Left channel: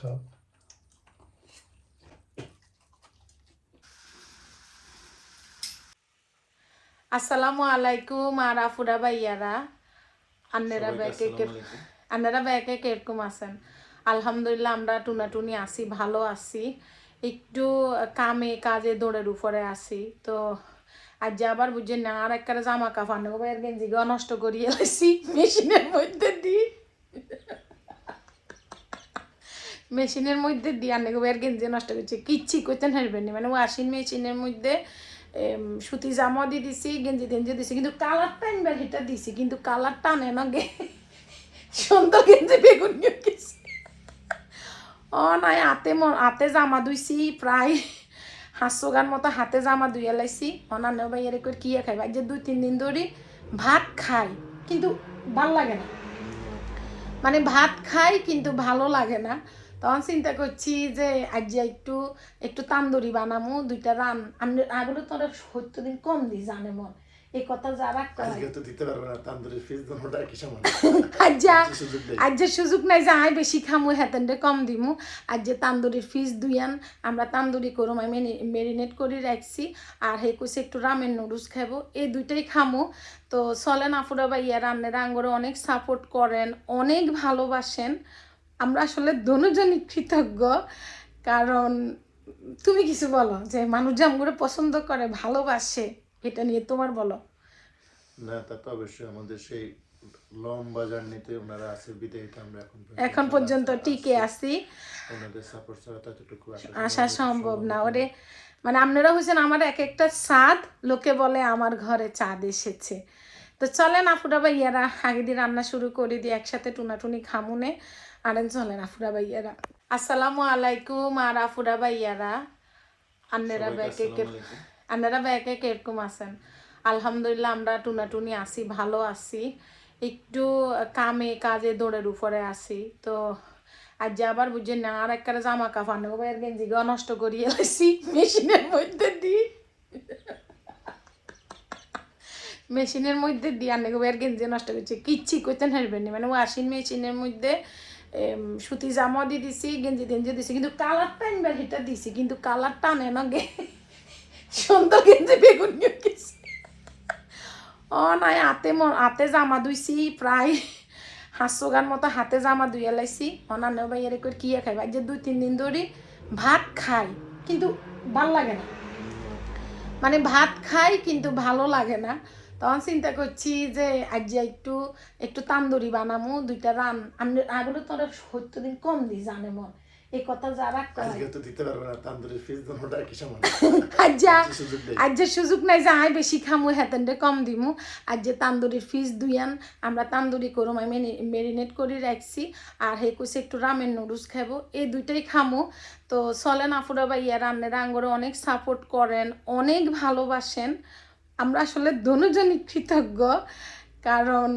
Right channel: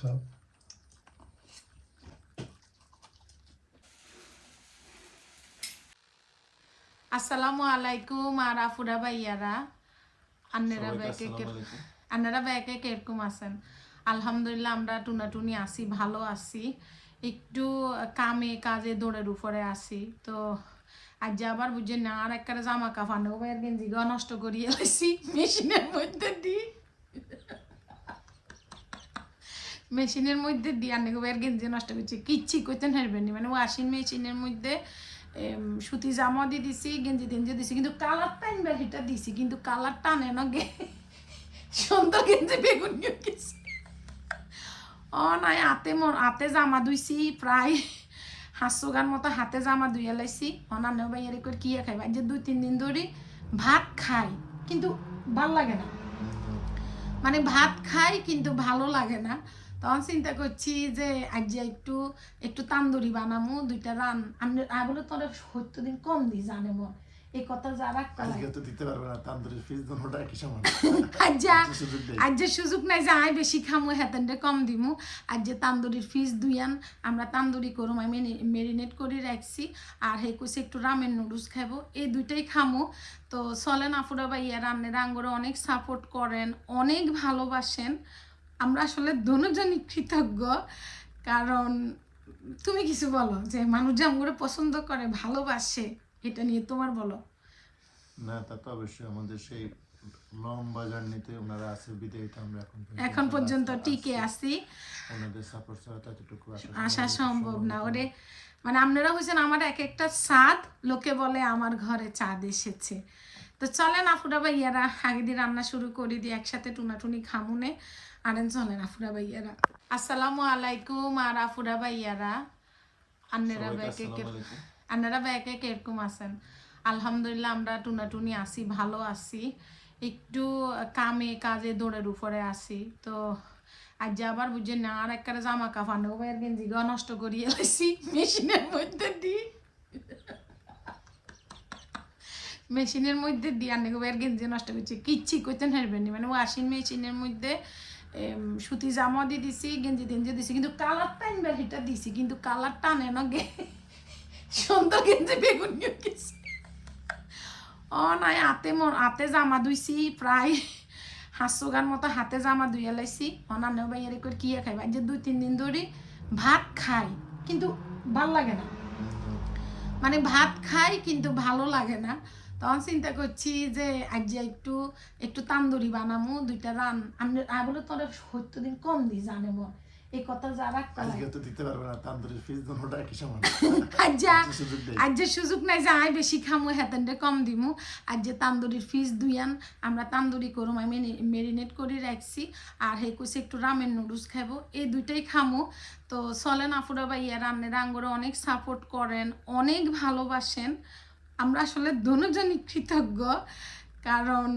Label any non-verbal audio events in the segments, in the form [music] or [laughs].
খাও আসসালামু আলাইকুম আর আফুরা ভাইয়ারা আন্নেরা ব্যাকে। আন্নেরা ব্যাকে কীরকম আছেন আলহামদুলিল্লাহ আমরা টুনাটুনি আছি ভালো আছি একটু কামে কাজে দৌড়ের উপরে আছি তো আজ যে আবার বুঝছে না আর একটা জামা কাপড় নেব এর গেঞ্জি নষ্ট করিয়ে এলাইছি মেশিনের মধ্যে দিই মেশিনের মধ্যে দিয়ে আনে এর গেঞ্জি নষ্ট করছে, কিচ্ছি করতেন হারবেন মানে ওয়াশিং মেশিনের মধ্যে সুতি জামা দিয়ে দিছি, গেঞ্জি টেঞ্জি দিছি, কিন্তু কালারটা এনবার হিটা দিছি, কিন্তু কালারটা টানে না গে। সুন্দর গেঞ্জি বেগুন গেছি। ও নাই, হাতে হাতে জামা ধুইছি, প্রায় হাঁসশো গান মতো হাতে জামা ধুইয়া লাইছি অনান্য ভাইয়ারে করে কি খাই ভাই যে দুই তিন দিন ধরে ভাত খাই, কিন্তু ভালো লাগে না। মানে ভাত খাই, কিন্তু ভালো লাগে না। তখন চিন্তা করছি যে আজ একটু একটু তান্দুরি বানামু দুইটা রান। আমি আগুলো তোর সত্য দিন কম দিই জানে মন। এই কথা যারা আজকে তো দিতে পারবে না তান্দুরি ফিস দোনোটা কি সমান [laughs] আজ যা সুযোগ নাই। যে আয় বেশি খামু কম দিমু। আজ যে তান্দুরির ফিস দুইয়ান আমরা তান্দুরি করুম আমি মেরিনেট করে রাখছি। আর হে কইছে একটু রামেন নুডলস খাব এই দুইটাই খামু। তো চলেন আফুরা বা ইয়া রান্নের আঙ্গরে অনেক সাপোর্ট করেন অনেক ভালোবাসেন। আমরা আসলে দুজনই কৃতজ্ঞ। কারণ তুমি কিছু বলো যে মানুষ যে আমগুলো পছন্দ করে ভালোবাসে এটা নিয়ে তোমার বলো। না তা তো অবশ্যই আমাদের সেই লম্বা জার্নিতে ওনারা আছে বিদায়ী আমরা এখন পর্যন্ত এখন পর্যন্ত টিকে আছি। ওনাদের সাপোর্ট ছাড়া ততটুকু আসা সম্ভব না। ওরে মানে আপনারা হয়েছেন আমার এক একটা স্বাদ লোকে বলে আমার ঘরে চাঁদ এসেছে। তো চলেন আফুরা ভাইয়ারা আগে দিয়ে রান্না শুরু করে দিই একসাথে টুনাটুনি খামুনে। আরেন চলেন আফুরা ভাইয়ারা। আসসালামু আলাইকুম আর আফুরা ভাইয়ারা। আন্নেরা ব্যাকে। আন্নারা ব্যাকে কীরকম আছেন? আলহামদুলিল্লাহ আমরা টুনাটুনি আছি ভালো আছি। একটু কামে কাজে দৌড়ের উপরে আছি তো আজ যে আবার বুঝছে না আর একটা জামা কাপড় নেব এর গেঞ্জি গা নষ্ট করিয়ে এলাইছি মেশিনের মধ্যে দি। মেশিনের মধ্যে দিয়ে আনে এর গেঞ্জি নষ্ট করছে কিচ্ছি করতেন হারবেন মানে ওয়াশিং মেশিনের মধ্যে সুতি জামা দিয়ে দিছি, গেঞ্জি টেঞ্জি দিছি, কিন্তু কালারটা এনবার হিটা দিছি, কিন্তু কালারটা আনে না গে। সুন্দর গেঞ্জি বেগুন গেছি। ও নাই, হাতে হাতে জামা ধুইছি, প্রায় হাঁসশো গান মতো হাতে জামা ধুইয়া লাইছি অনান্য ভাইয়ারে করে কি খাই ভাই যে দুই, তিন দিন ধরে ভাত খাই, কিন্তু ভালো লাগে না। মানে ভাত খাই, কিন্তু ভালো লাগে না। তখন চিন্তা করছি যে আজ যে একটু একটু তান্দুরি বানামু দুইটা রান। আমি আগুলো তোর সত্য দিন কম দিই জানে মন। এই কথা যারা কয় আজকে তো দিতে পারবে না তান্দুরি ফিস দোনোটা কি সমান? [laughs] আজ যা সুযোগ নাই। যে বেশি খামু কম দিমু। তান্দুরির ফিস দুইয়ান আমরা তান্দুরি করুম আমি মেরিনেট করে রাখছি। আর হে কইছে একটু রামেন নুডলস খাব এই দুইটাই খামু। তো চলেন আফুরা বা ইয়া রান্নের আঙ্গরে অনেক সাপোর্ট করেন অনেক ভালোবাসেন। আমরা আসলে দুজনই কৃতজ্ঞ। কারণ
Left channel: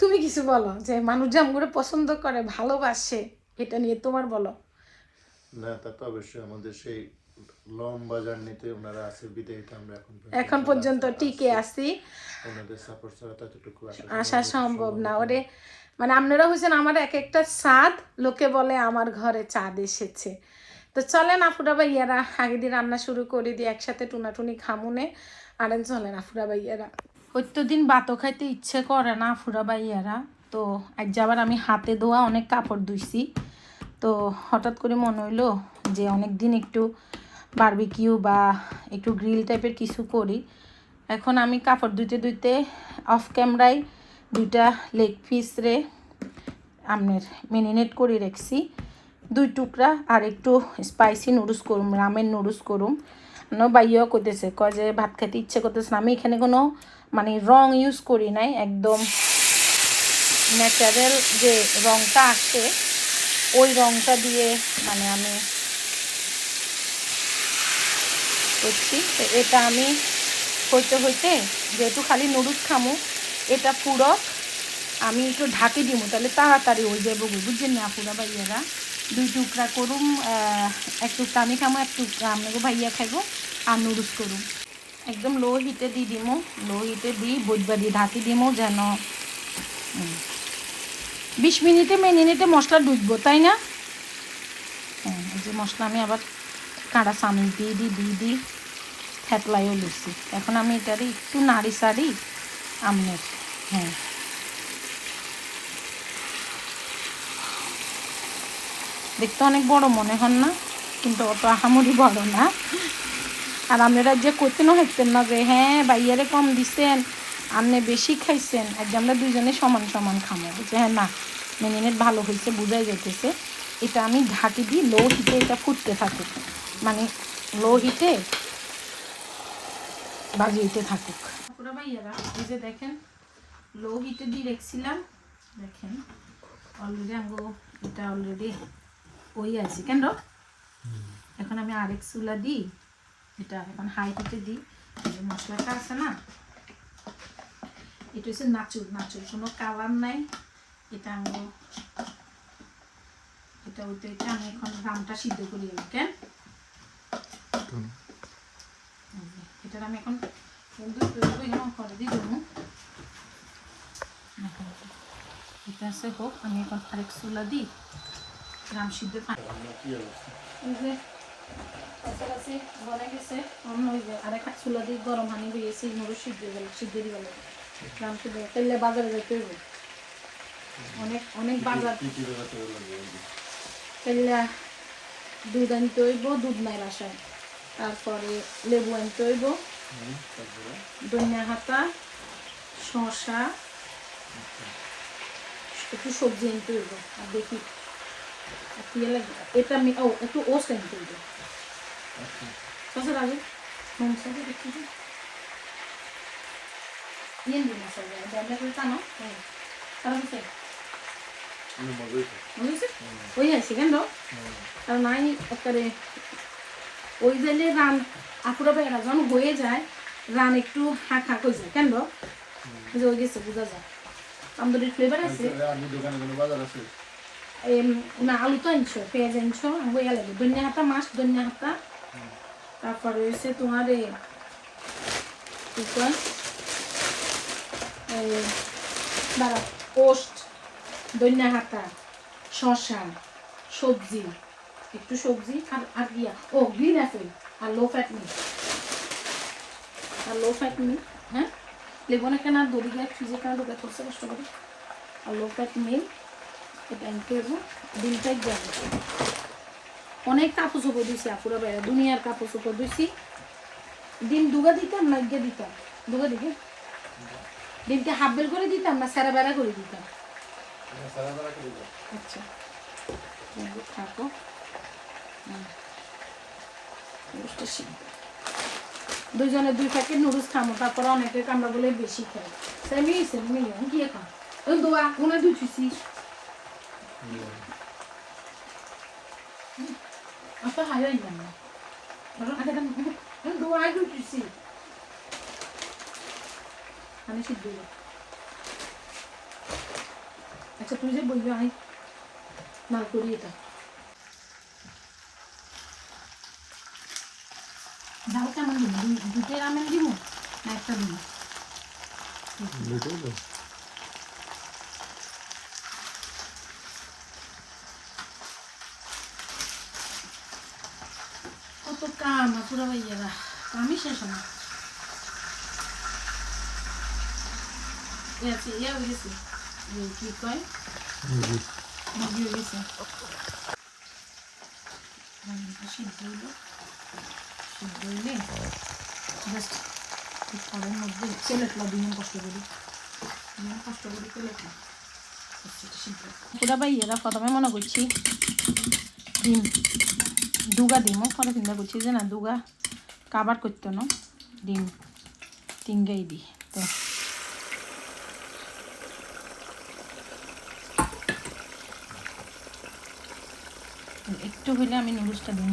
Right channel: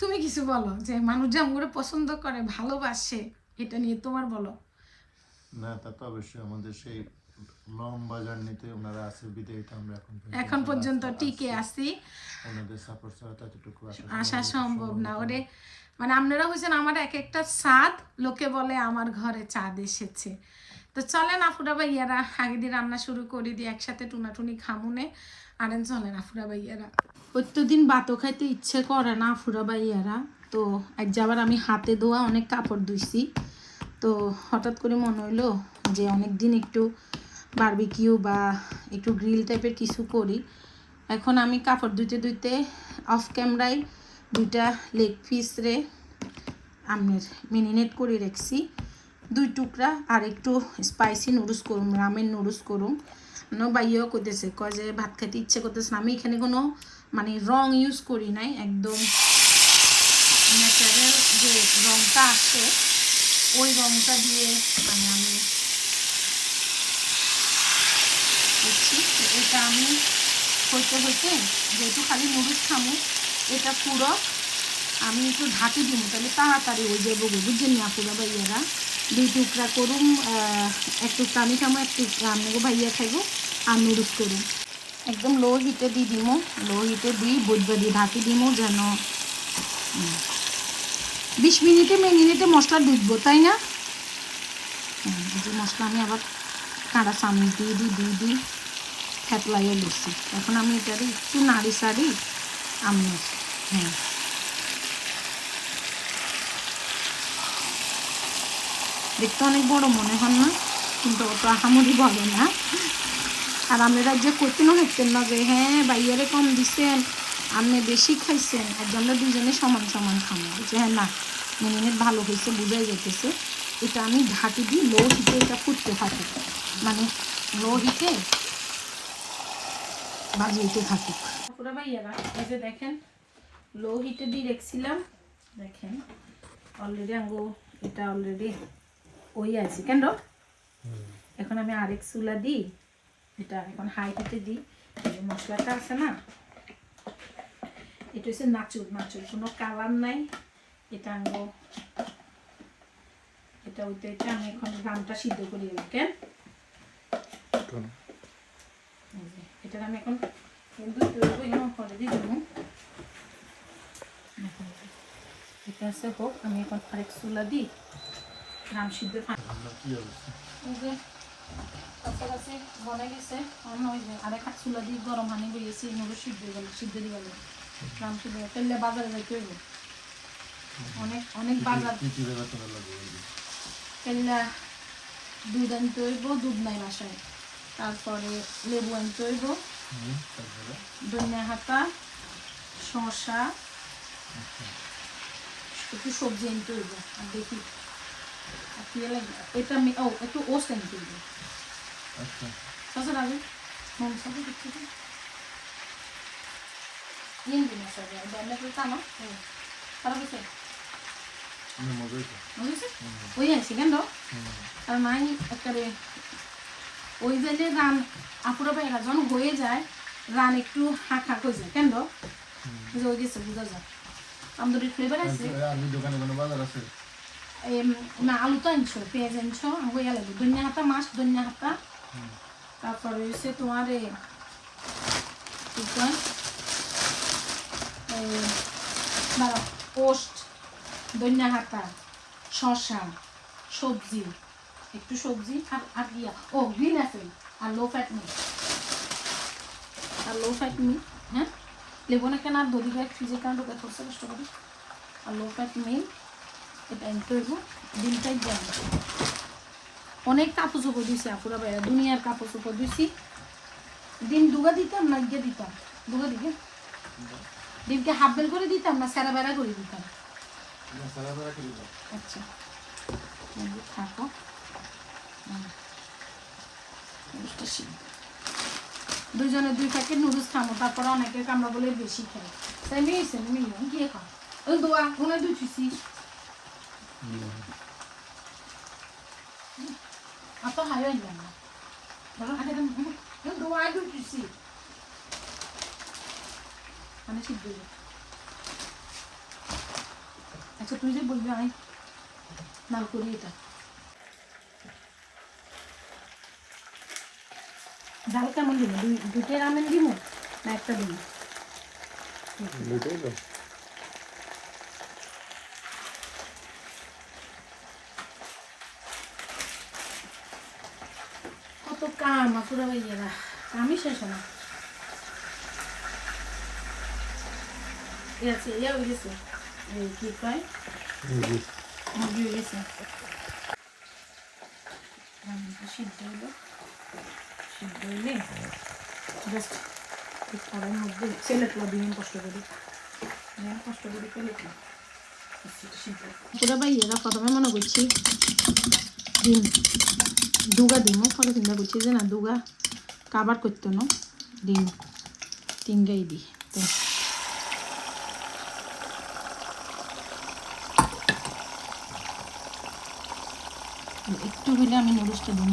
তুমি কিছু বলো যে মানুষ যে আমগুলো পছন্দ করে ভালোবাসে এটা নিয়ে তোমার বলো। না তা তো অবশ্যই আমাদের সেই লম্বা জার্নিতে ওনারা আছে বিদায়ী আমরা এখন এখন পর্যন্ত টিকে আছি। ওনাদের সাপোর্ট ছাড়া ততটুকু আসা সম্ভব না। ওরে মানে আপনারা হয়েছেন আমার এক একটা স্বাদ লোকে বলে আমার ঘরে চাঁদ এসেছে। তো চলেন আফুরা ভাইয়ারা আগে দিয়ে রান্না শুরু করে দিই একসাথে টুনাটুনি খামুনে। আরেন চলেন আফুরা ভাইয়ারা। দিন বাতো খাইতে ইচ্ছে করে না আফুরা ভাইয়ারা। তো আজ আবার আমি হাতে ধোয়া অনেক কাপড় ধুইছি। তো হঠাৎ করে মনে হইল যে অনেক দিন একটু বার্বিকিউ বা একটু গ্রিল টাইপের কিছু করি। এখন আমি কাপড় ধুইতে ধুইতে অফ ক্যামেরায় দুইটা লেগ পিস রে আমনের মেরিনেট করে রাখছি। দুই টুকরা আর একটু স্পাইসি নুডলস করুম রামেন নুডলস করুম। ন বাইয়াও করতেছে, কয় যে ভাত খাইতে ইচ্ছে করতেছে না, আমি এখানে কোনো মানে রং ইউজ করি নাই, একদম ন্যাচারাল যে রংটা আসে, ওই রংটা দিয়ে মানে আমি করছি। তো এটা আমি হইতে হইতে যেহেতু খালি নুডলস খামু, এটা পুরো আমি একটু ঢাকি দিব তাহলে তাড়াতাড়ি হয়ে যাব বুঝছেন না পুরো ভাইয়ারা? দুই টুকরা করুম এক টুকরা আমি খামো এক টুকরা আপনাকে ভাইয়া খাইবো, আর নুডলস করুম। একদম লো হিটে দিয়ে দিমো লো হিটে দিই বইবা দিয়ে ঢাকি দিমো যেন বিশ মিনিটে মিনিটে মশলা ডুববো, তাই না? যে মশলা আমি আবার কাঁড়া চামচ দিয়ে দিই দিয়ে দিই ফ্যাটলাইও লুচি এখন আমি এটারে একটু নাড়ি সাড়ি আমনের হ্যাঁ। দেখতে অনেক বড় মনে হন না, কিন্তু অত আহামরি বড় না। আর আপনারা যে করতেনও হইতেন না যে হ্যাঁ বাইয়ারে কম দিছেন, আপনি বেশি খাইছেন আর যে আমরা দুজনে সমান সমান খামো। যে হ্যাঁ না মিনিমিট ভালো হয়েছে বুঝাই যেতেছে এটা আমি ঢাকি দিই, লো হিটে এটা ফুটতে থাকে। মানে লো হিটে বাজিয়ে থাকুক। ভাইয়ারা, এই যে দেখেন, লো হিটে দিয়ে রেখছিলাম। দেখেন অলরেডি আঙ্গো, এটা অলরেডি ওই আছে কেন? এখন আমি আরেক চুলা দিই এটা এখন হাই হিটে দিই। যে মশলাটা আছে না এটা হচ্ছে নাচুর নাচুর। কোনো কালার নাই। এটা আনব এটা ওইটা এটা আমি এখন রামটা সিদ্ধ করি কেন? এটা আমি এখন করে দিই এটা আছে হোক আমি এখন আরেক চুলা দিই। সিদ্ধ থাকি চুলা দিয়ে গরম হানি বেরিয়েছি সিদ্ধ গেল সিদ্ধ দিয়ে গেল রাম সিদ্ধ তেলে বাজারে যেতে হইব। অনেক অনেক বাজার। দুধ আনতে হইব দুধ নাই বাসায়। তারপরে লেবু আনতে হইব। ধনিয়া হাতা শসা একটু সবজি আনতে হইব আর দেখি। লাগবে এটা আমি ও একটু ওস আনতে হইব আচ্ছা শসার আগে নুন সাথে দেখি তো ইয়ে দিন মশলা ডাবলা করে টানো খারাপ হচ্ছে আমি মজাই তো বুঝেছে হুম। ওই আছে কেন? আর নাই একেবারে ওই দিলে রান আপুরা বেড়া যখন হয়ে যায় রান একটু হাঁক হাঁক হয়ে যায় কেন? ওই গেছে বোঝা যায় তন্দুরির ফ্লেভার আছে দোকানে কোনো বাজার আছে। না আলু তো আনছো পেঁয়াজ আনছো ইয়া লাগবে ধনিয়া হাতা মাছ ধনিয়া হাতা তারপরে হচ্ছে তোমার কি কয় পোস্ট ধনিয়া হাতা শসা সবজি একটু সবজি আর আর ইয়া ও গ্রিন অ্যাপেল আর লো ফ্যাট মিল্ক আর লো ফ্যাট মিল্ক হ্যাঁ লেবু না কেন আর দড়ি গায়ে ফ্রিজে কেন ঢুকে কষ্ট করে আর লো ফ্যাট মিল্ক এটা ডিমটাই অনেক কাপড় চোপড় দিছি আপুরা বাইরে দুনিয়ার কাপড় চোপড় দিছি। ডিম দুগা দিতাম না ইগে দিতাম। দুগা দিকে ডিমটা হাফ বেল করে দিতাম না সারা বেড়া করে দিতাম? আচ্ছা। থাকো। দুজনে দুই প্যাকেট নুডলস খামো তারপরে অনেকে আমরা বলে বেশি খাই তাই মিয়েছে মিলিয়ন দিয়ে খাও ওই দোয়া মনে দুই চুষি apa hayo yan Meron ada kan yung dua ay good si ano si Bilo আচ্ছা তুই যে বলবি আমি না করি এটা ডাল কেমন দিব দুই দুইটাই রামেন দিব না একটা দিব দুটোই তো কত কাম আপুরা ভাইয়েরা। কামই শেষ না ইয়ে ইয়ে হয়ে গেছে ওই কি কয়? মুরগি হয়ে গেছে সিদ্ধ হইল সিদ্ধ হইলে জাস্ট ঠিক কড়াইয়ের মধ্যে তেলেটলা দিন কষ্ট করে। দিন কষ্ট করে তেলেটলা পুরা ভাইয়েরা প্রথমে মনে করছি ডিম। দুগা ডিমও পরে চিন্তা করছি যে না দুগা কাবার করতো না? ডিম তিনগাই দি, তো। একটু হলে আমি নুডলসটা দিব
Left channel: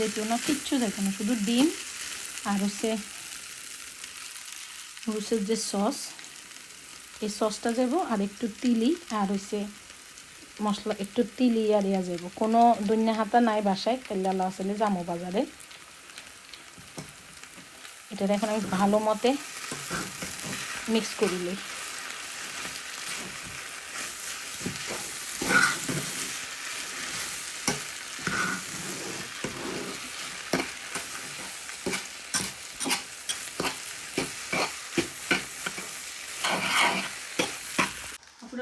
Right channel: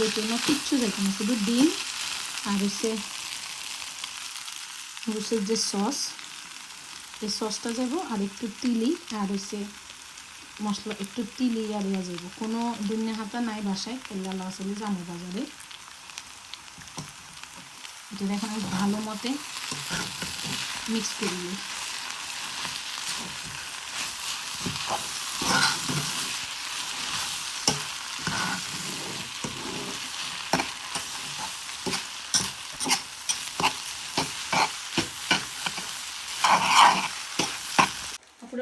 যেত না কিচ্ছু যেত না শুধু ডিম আর হচ্ছে রুসের যে সস। এই সসটা যাব আর একটু তিলি আর হচ্ছে মশলা, একটু তিলি আর ইয়া যাব কোনো দুনিয়া হাতা নাই বাসায় খেললা আসলে জামো বাজারে। এটা এখন আমি ভালো মতে মিক্স করিলি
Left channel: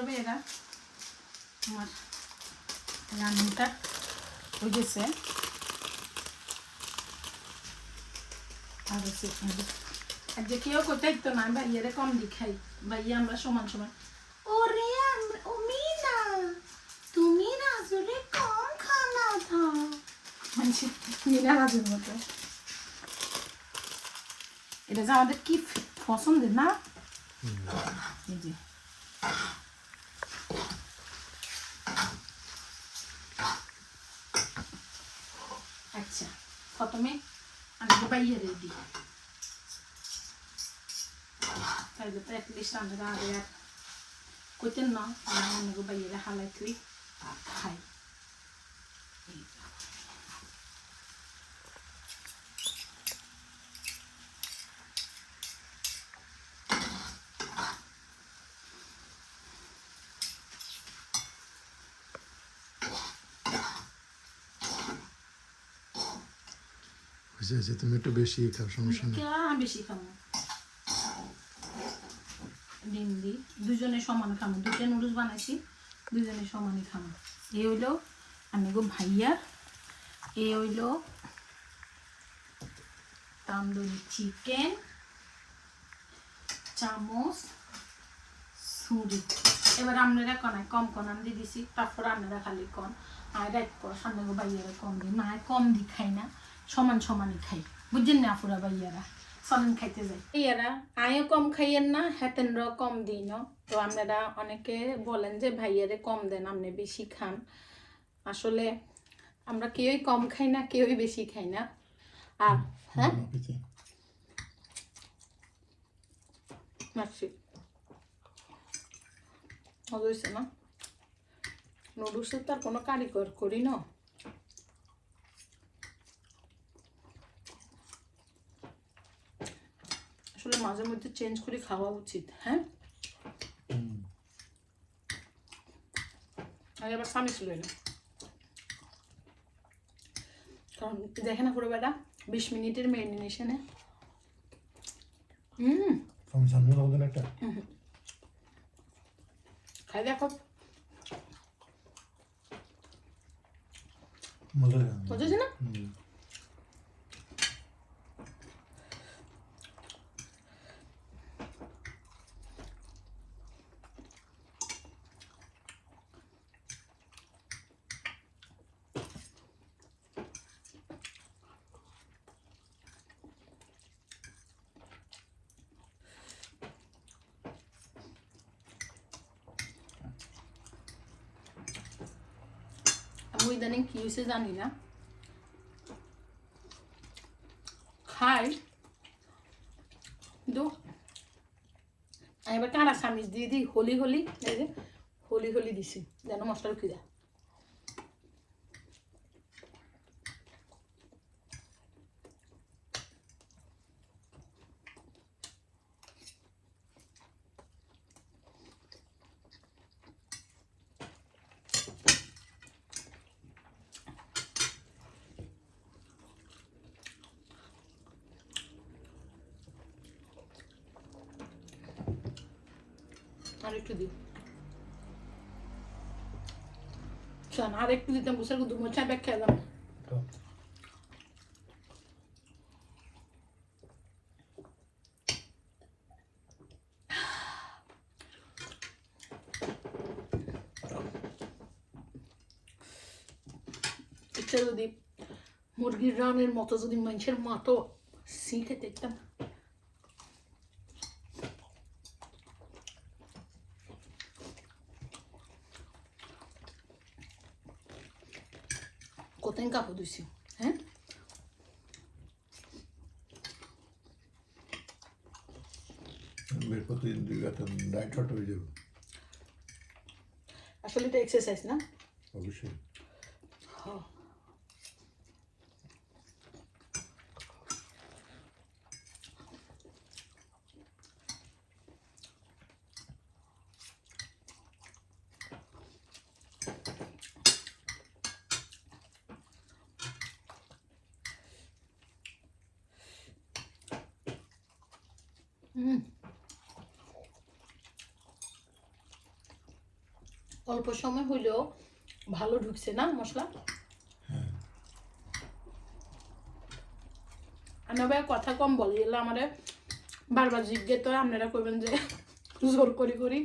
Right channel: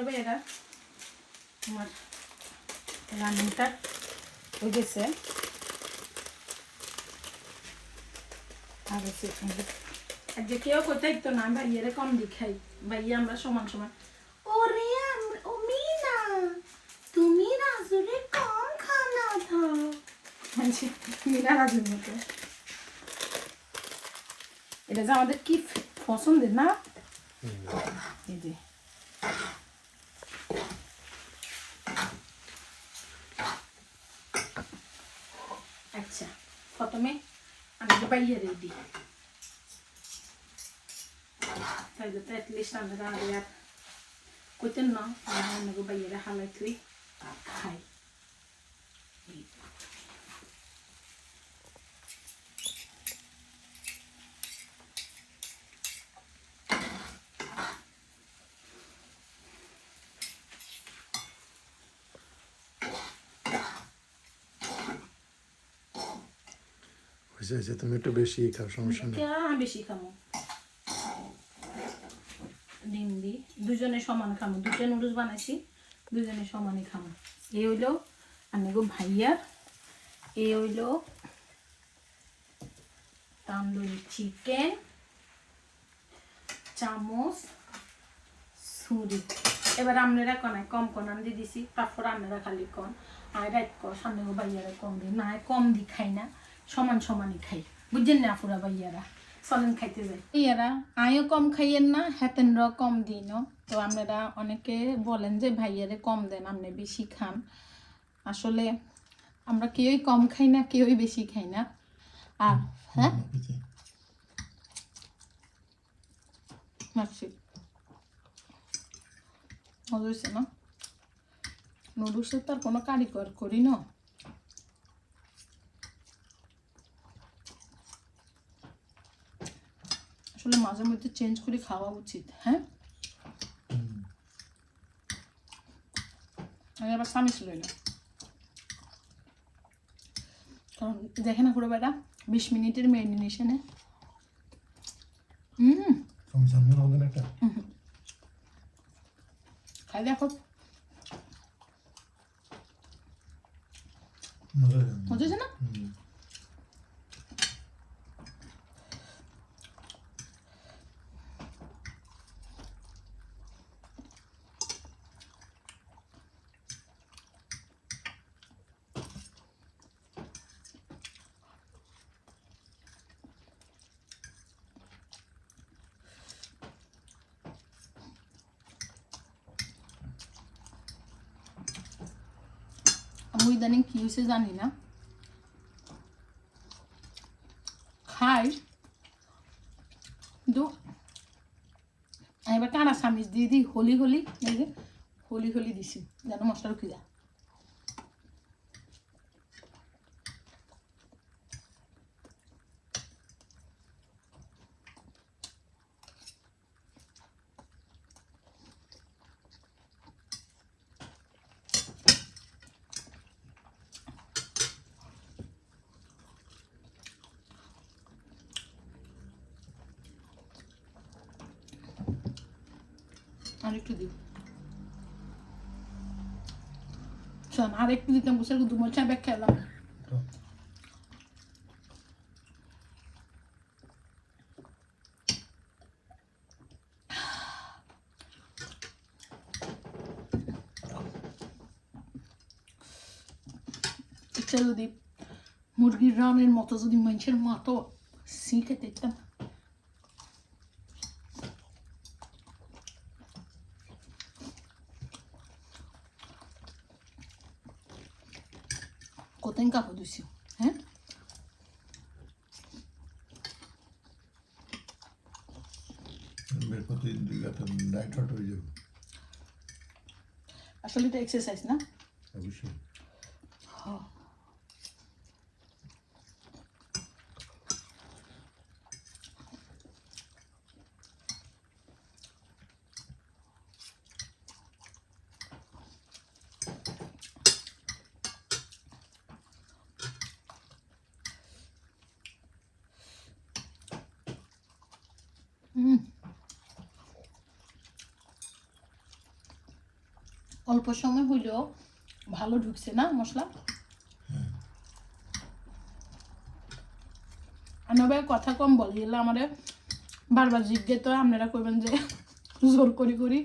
তারপরে এরা আমার রান্নাটা হয়ে গেছে আর আর যে কেউ কোথায় তো না ভাইয়ারে কম দি খাই ভাইয়া আমরা সমান সমান। ওরে ও মিনা তুমি রাজুরে কম খানা দাও। মানে মিনা রাজুর মতো। এটা যে আমাদের কি পছন্দের না। এই যে আচ্ছা প্রথমে আমি যে বাইরে রেডি তাইলে তো অ্যাটলিস্ট আমরা আগে আর কইতেন না আমরা অন্যকে বাইরে হালাই তুই খাই এই। হয়েছে তুমি একটু বেশি খাও সমস্যা নেই। বেশি খামো ডিম দি। দুজনে সমান খামো দুটো নুডলস বানাইছি দুজনে সমানই খামো এই হইল আমি গো ভাইয়ার এই হইল তান্দুরি চিকেন চামচ ছুরি। এবার আপনারা কনায় কম কন আমি দিয়ে দিছি তারপর আপনারা খালি কন। আর রাইট কর সামনে গো ভাইয়ারা কম দিই না কম দি খাই না। সমান সমানই খাই। বুঝছেন না আপুরা ভাইয়ারা? চলেন খাইতে যাই। ইয়ারা আয়ও কম খাইয়েন না, হেতেনরাও কম দিই না। তো আপনারা অনেকে বলেন যে ভাইয়ারে কম দেন, আপনি বেশি খান। আসলে আমরা কেউই কম খাই না, কেউই বেশি খাই না। আর হ্যাঁ? মাছি মজা হয়েছে না নুডলসের তো আর কোনো কারিগর করি না। আসলে মাঝে মধ্যে চেঞ্জ করে খাওয়া উচিত হ্যাঁ? আগে আবার স্বামী ছিল না কারণ দেখে না পুরো বেটা বিশ মিনিটের ম্যারিনেশনে হুম। সামনে হবে একটা। খাই দেখো। মজা না? আমি ইদানিং কি হয়েছে জানি না খাই কিন্তু এবার টানা সামিজ দিয়ে দিই হলি হলি হলি হলি দিছি যেন মশলা রুখি দেয় আর একটু দিই। শোন আর একটু দিতাম বুঝে দু মোচা ব্যাগ খেলাম ইচ্ছা যদি মুরগির রানের মতো যদি মানুষের মতো সি খেতে কোথায় কাপড় দিছি হ্যাঁ প্রতিদিন দুই ঘণ্টা ডায়েট হয়ে যাবে আসলে এটা এক্সারসাইজ না অবশ্যই অল্প সময় হইলেও ভালো ঢুকছে না মশলা? ভাই কথা কম বলে, এগুলো আমাদের বারবার জিজ্ঞেস তো আপনারা করবেন যে জোর করি করি।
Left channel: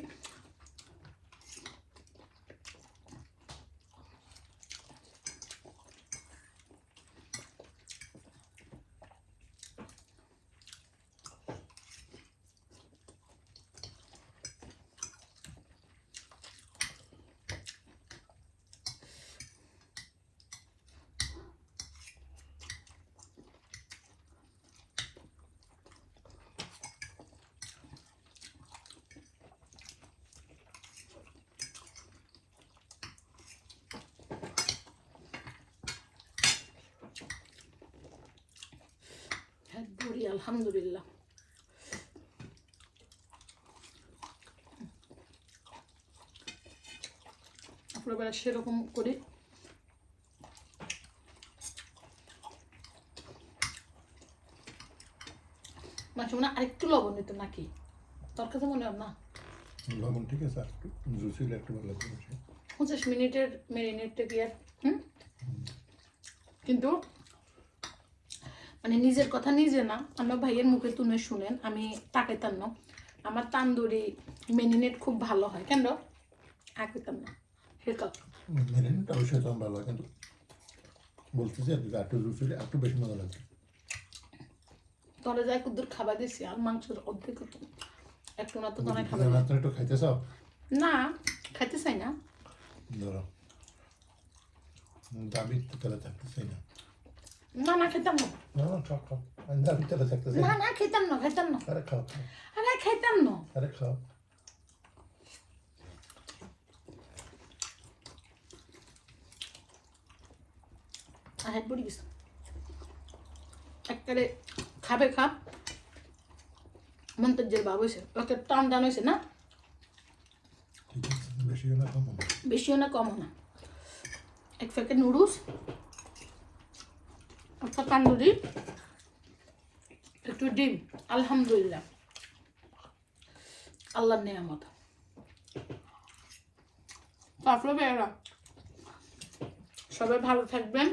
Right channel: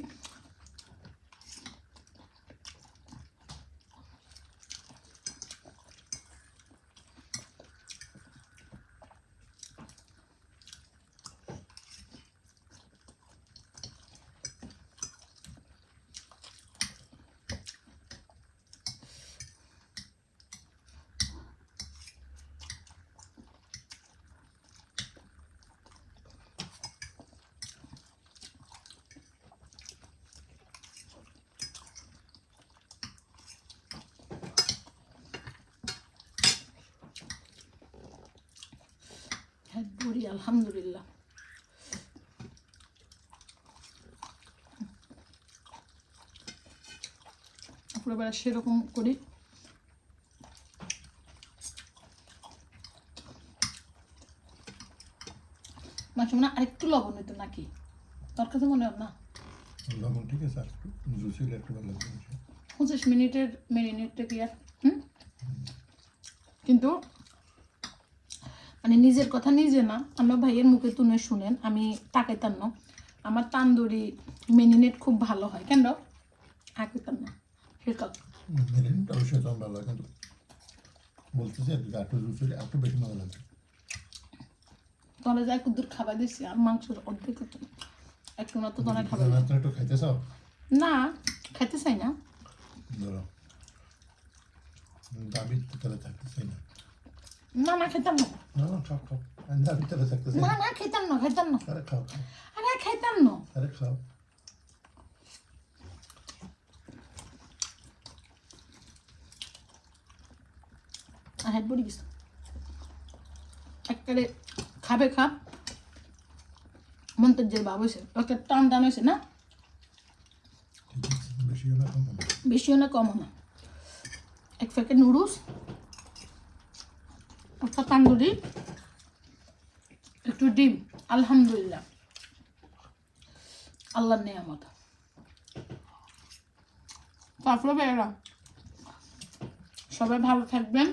হ্যাঁ আলহামদুলিল্লাহ। আপনার বেলা সেরকম করি। মাঝে মনে আরেকটু লবণ নিত নাকি? তোর কাছে মনে হয় না? লবণ ঠিক আছে একটু জুসি একটু ভালো লাগবে। পঁচিশ মিনিটের মেরিনেটটা কি আর হুম? কিন্তু মানে নিজের কথা নিজে না আমার ভাইয়ের মুখে তুলে শুনেন আমি তাকাইতাম না। আমার তান্দুরি মেরিনেট খুব ভালো হয় কেন? আঁকিতাম না সেটা মেরিনেট অবশ্যই তোমার ভালো হয় কিন্তু বলতেছি আর কি, আর একটু বেশি মজা লাগবে। তলে যাই কুদ্দুর খাবার আর মাংসের অর্ধেক একটু না তো খাবার। একটু খাইতে চাও? না খাইতে চাই না। দাবি তাহলে থাকতে চাই না। না না খেতাম না। না না খাও দাবি তাহলে না না খেতাম না খেতাম না। আরে খাও আরে খেতাম না। আরে খাও। আর হেড পড়ে গেছে। একবারে খাবে খাপ মন্তব্যের বাবু হয়েছে। ওকে টান টান হয়েছে না? ঠিক বেশিও না কম না। বেশিও না কমও না। এক প্যাকেট নুডলস। একটা তান্দুরি একটু ডিম আলহামদুলিল্লাহ। আল্লাহর নেয়ামত। তারপরে ভাইয়েরা সবাই ভালো থাকবেন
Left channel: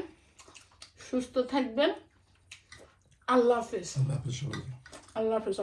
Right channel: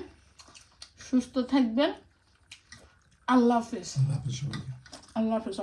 সুস্থ থাকবেন। আল্লাহ হাফিজ। আল্লাহ হাফিজ আল্লাহ হাফিজ।